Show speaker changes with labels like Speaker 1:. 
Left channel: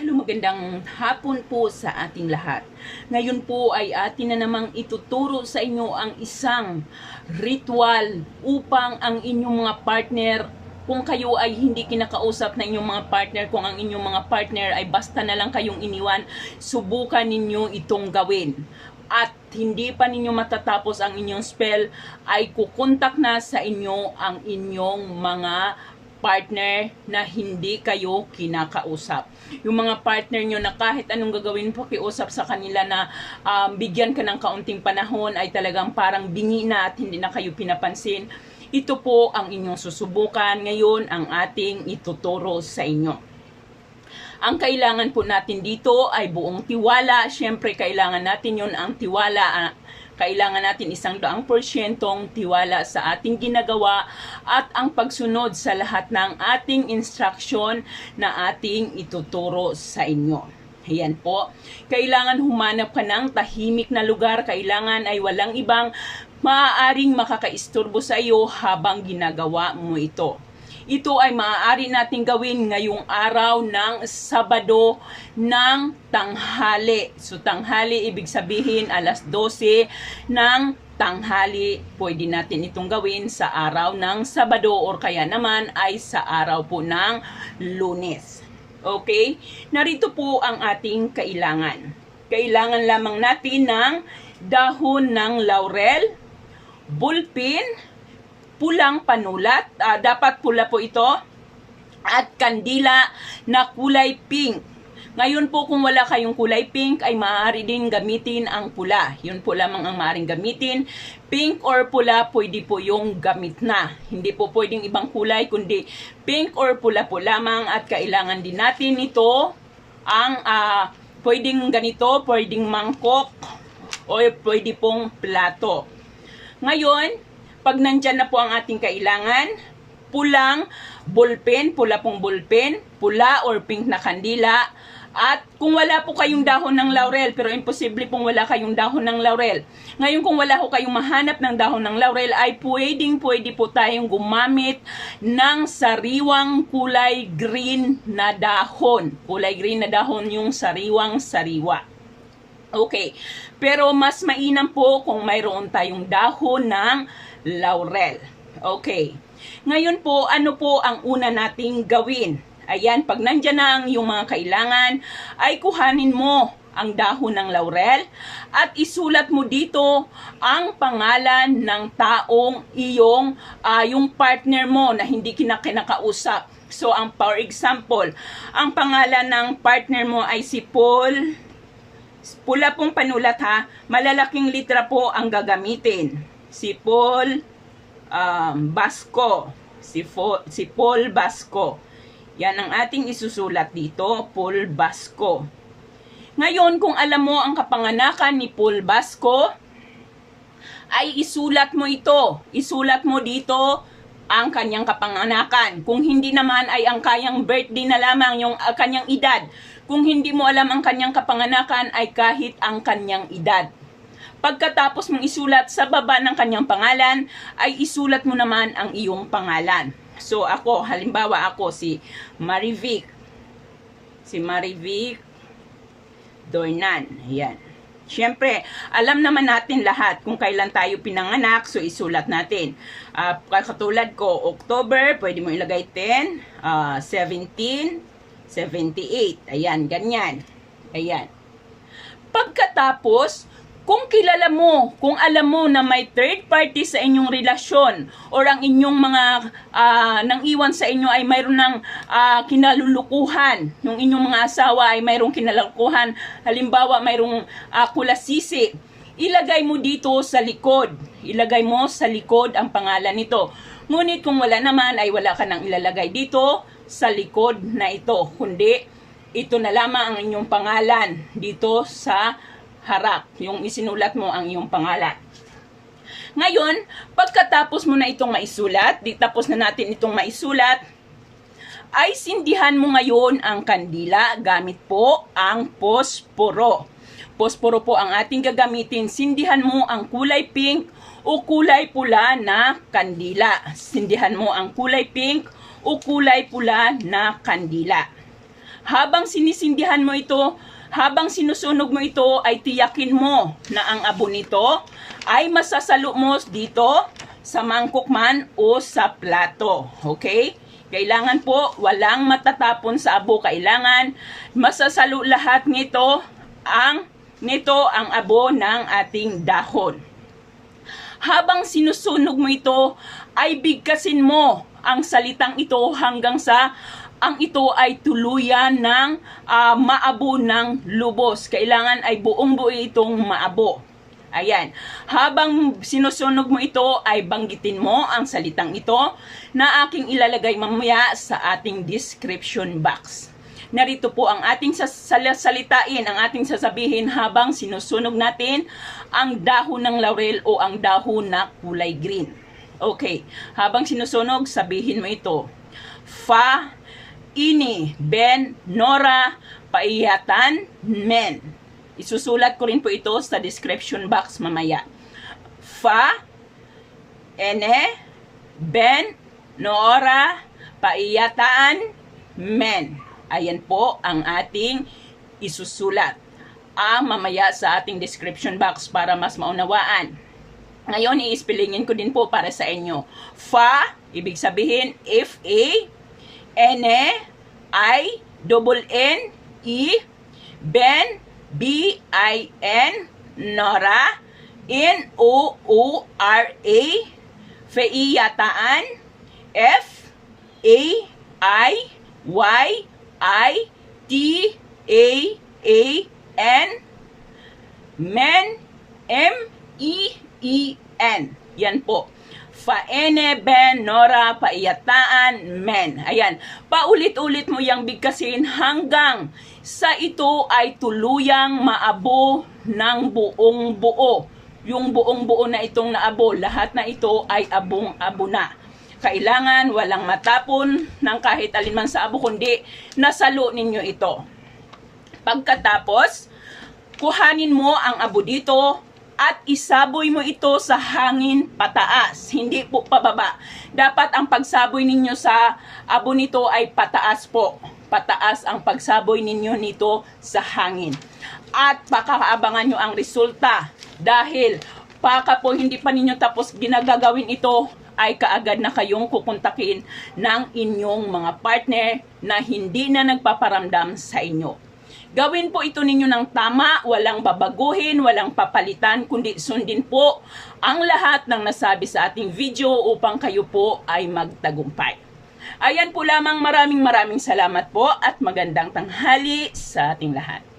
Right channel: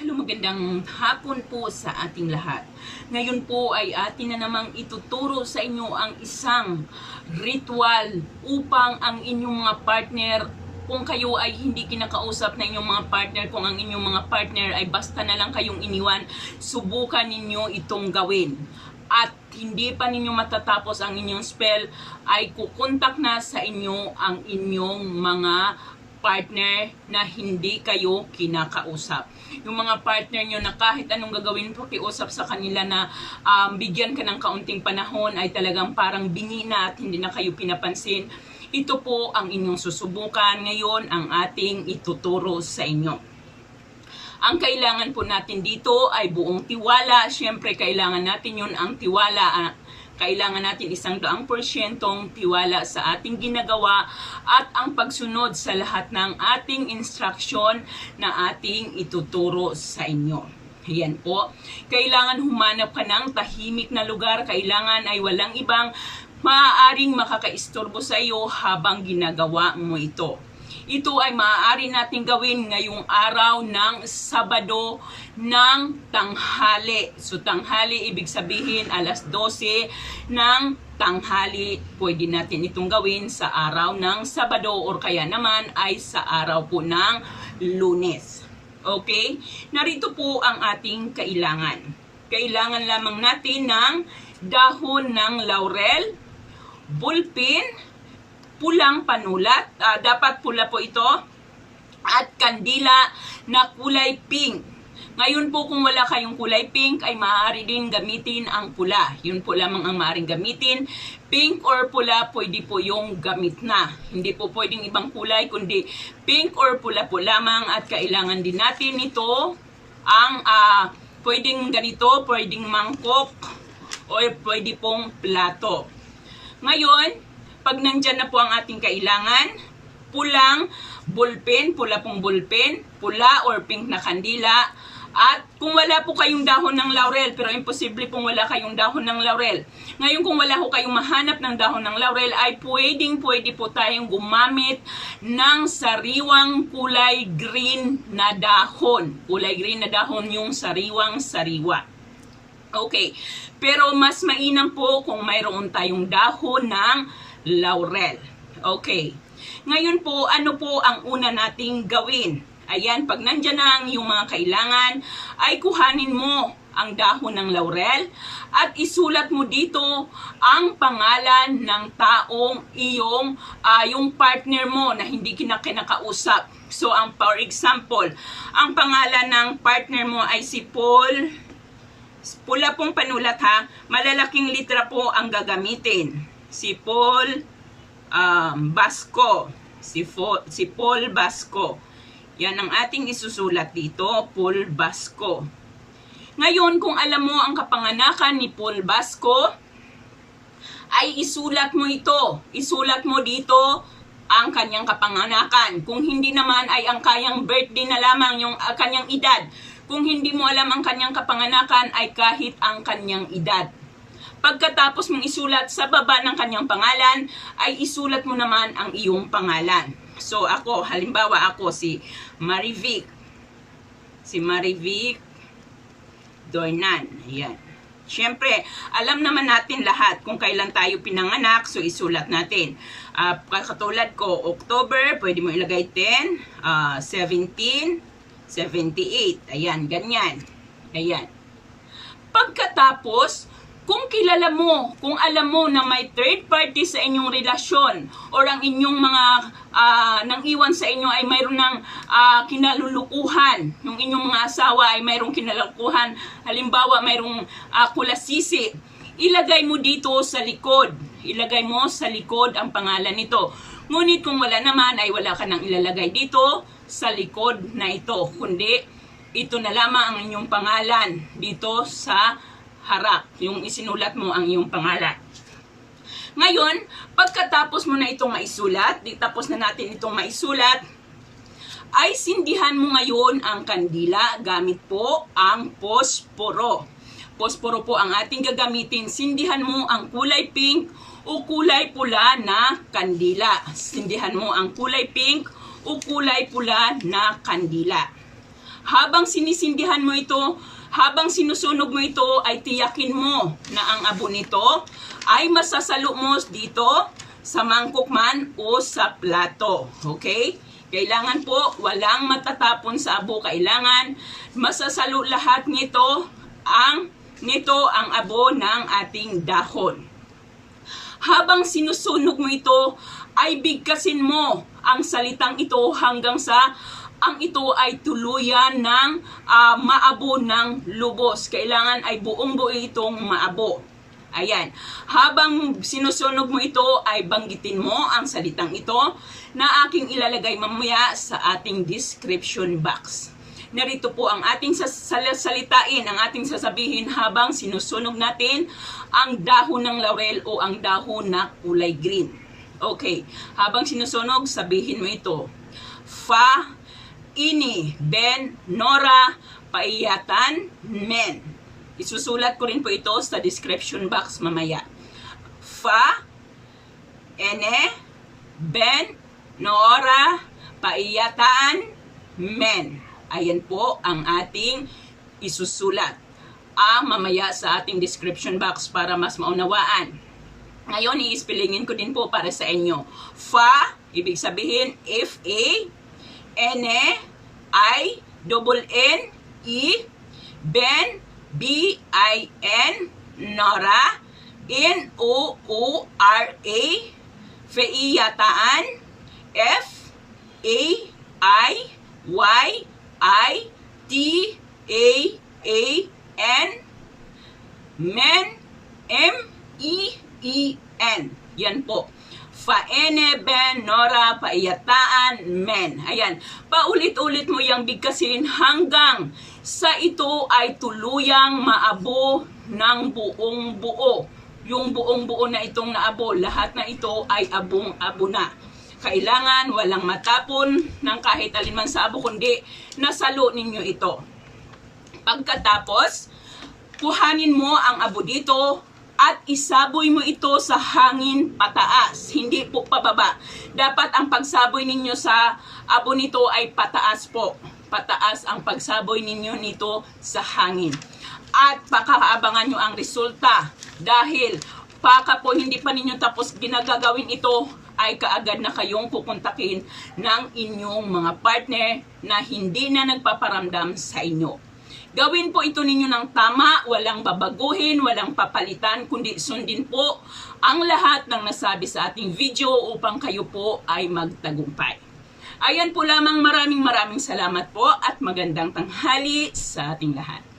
Speaker 1: Hello, magandang hapon po sa ating lahat. Ngayon po ay atin na namang ituturo sa inyo ang isang ritual upang ang inyong mga partner kung kayo ay hindi kinakausap na inyong mga partner, kung ang inyong mga partner ay basta na lang kayong iniwan, subukan ninyo itong gawin. At hindi pa ninyo matatapos ang inyong spell, ay kukontak na sa inyo ang inyong mga partner na hindi kayo kinakausap. Yung mga partner nyo na kahit anong gagawin pakiusap sa kanila na um, bigyan ka ng kaunting panahon ay talagang parang bingi na at hindi na kayo pinapansin. Ito po ang inyong susubukan. Ngayon ang ating ituturo sa inyo. Ang kailangan po natin dito ay buong tiwala. Siyempre, kailangan natin yon ang tiwala. Kailangan natin isang daang porsyentong tiwala sa ating ginagawa at ang pagsunod sa lahat ng ating instruction na ating ituturo sa inyo. Ayan po. Kailangan humanap ka ng tahimik na lugar. Kailangan ay walang ibang maaaring makakaisturbo sa iyo habang ginagawa mo ito. Ito ay maaari nating gawin ngayong araw ng Sabado ng tanghali. So tanghali ibig sabihin alas 12 ng tanghali. Pwede natin itong gawin sa araw ng Sabado or kaya naman ay sa araw po ng Lunes. Okay? Narito po ang ating kailangan. Kailangan lamang natin ng dahon ng laurel, bulpin, pulang panulat. Ah, dapat pula po ito. At kandila na kulay pink. Ngayon po kung wala kayong kulay pink ay maaari din gamitin ang pula. Yun po lamang ang maaaring gamitin. Pink or pula pwede po yung gamit na. Hindi po pwedeng ibang kulay kundi pink or pula po lamang at kailangan din natin ito ang ah, pwedeng ganito, pwedeng mangkok o pwede pong plato. Ngayon, pag nandyan na po ang ating kailangan, pulang ballpen, pula pong ballpen, pula or pink na kandila, at kung wala po kayong dahon ng laurel, pero imposible pong wala kayong dahon ng laurel. Ngayon kung wala ko kayong mahanap ng dahon ng laurel, ay pwedeng pwede po tayong gumamit ng sariwang kulay green na dahon. Kulay green na dahon yung sariwang sariwa. Okay. Pero mas mainam po kung mayroon tayong dahon ng laurel. Okay. Ngayon po, ano po ang una nating gawin? Ayan, pag nandyan na ang iyong mga kailangan, ay kuhanin mo ang dahon ng laurel at isulat mo dito ang pangalan ng taong iyong ah, yung partner mo na hindi kinakinakausap. So, ang for example, ang pangalan ng partner mo ay si Paul Pula pong panulat ha, malalaking litra po ang gagamitin. Si Paul um, Basco. Si, Fo- si Paul Basco. Yan ang ating isusulat dito, Paul Basco. Ngayon, kung alam mo ang kapanganakan ni Paul Basco, ay isulat mo ito. Isulat mo dito ang kanyang kapanganakan. Kung hindi naman ay ang kanyang birthday na lamang yung uh, kanyang edad. Kung hindi mo alam ang kanyang kapanganakan ay kahit ang kanyang edad. Pagkatapos mong isulat sa baba ng kanyang pangalan, ay isulat mo naman ang iyong pangalan. So ako, halimbawa ako si Marivic. Si Marivic Dornan. Ayan. Siyempre, alam naman natin lahat kung kailan tayo pinanganak, so isulat natin. Uh, katulad ko, October, pwede mo ilagay 10, ah, 17, 78. Ayan, ganyan. Ayan. Pagkatapos, kung kilala mo, kung alam mo na may third party sa inyong relasyon or ang inyong mga ah, nang iwan sa inyo ay mayroon ng ah, kinalulukuhan, yung inyong mga asawa ay mayroong kinalulukuhan, halimbawa mayroong ah, kulasisi, ilagay mo dito sa likod. Ilagay mo sa likod ang pangalan nito. Ngunit kung wala naman ay wala ka nang ilalagay dito sa likod na ito, kundi ito na lamang ang inyong pangalan dito sa harap, yung isinulat mo ang iyong pangalan. Ngayon, pagkatapos mo na itong maisulat, di tapos na natin itong maisulat, ay sindihan mo ngayon ang kandila gamit po ang posporo. Posporo po ang ating gagamitin. Sindihan mo ang kulay pink o kulay pula na kandila. Sindihan mo ang kulay pink o kulay pula na kandila. Habang sinisindihan mo ito, habang sinusunog mo ito, ay tiyakin mo na ang abo nito ay masasalo mo dito sa mangkok man o sa plato. Okay? Kailangan po walang matatapon sa abo. Kailangan masasalo lahat nito ang nito ang abo ng ating dahon. Habang sinusunog mo ito, ay bigkasin mo ang salitang ito hanggang sa ang ito ay tuluyan ng ah, maabo ng lubos. Kailangan ay buong buo itong maabo. Ayan. Habang sinusunog mo ito, ay banggitin mo ang salitang ito na aking ilalagay mamaya sa ating description box. Narito po ang ating salitain, ang ating sasabihin habang sinusunog natin ang dahon ng laurel o ang dahon na kulay green. Okay. Habang sinusunog, sabihin mo ito. Fa, ini, ben, nora, paiyatan, men. Isusulat ko rin po ito sa description box mamaya. Fa, ene, ben, nora, paiyataan, men. Ayan po ang ating isusulat. Ang mamaya sa ating description box para mas maunawaan. Ngayon, i-spellingin ko din po para sa inyo. Fa, ibig sabihin, F-A, N-E, I, double N, E, Ben, B-I-N, Nora, N-O-O-R-A, Feiyataan, F, A, I, Y, I, T, A, A, N, Men, M, E, E, N. Yan po. Faene, Ben, Nora, Paiyataan, Men. Ayan. Paulit-ulit mo yung bigkasin hanggang sa ito ay tuluyang maabo ng buong buo. Yung buong buo na itong naabo, lahat na ito ay abong-abo na. Kailangan walang matapon ng kahit alinman sa abo, kundi nasalo ninyo ito. Pagkatapos, kuhanin mo ang abo dito at isaboy mo ito sa hangin pataas, hindi po pababa. Dapat ang pagsaboy ninyo sa abo nito ay pataas po. Pataas ang pagsaboy ninyo nito sa hangin. At pakakaabangan nyo ang resulta dahil paka po hindi pa ninyo tapos ginagagawin ito ay kaagad na kayong kukontakin ng inyong mga partner na hindi na nagpaparamdam sa inyo. Gawin po ito ninyo ng tama, walang babaguhin, walang papalitan, kundi sundin po ang lahat ng nasabi sa ating video upang kayo po ay magtagumpay. Ayan po lamang maraming maraming salamat po at magandang tanghali sa ating lahat.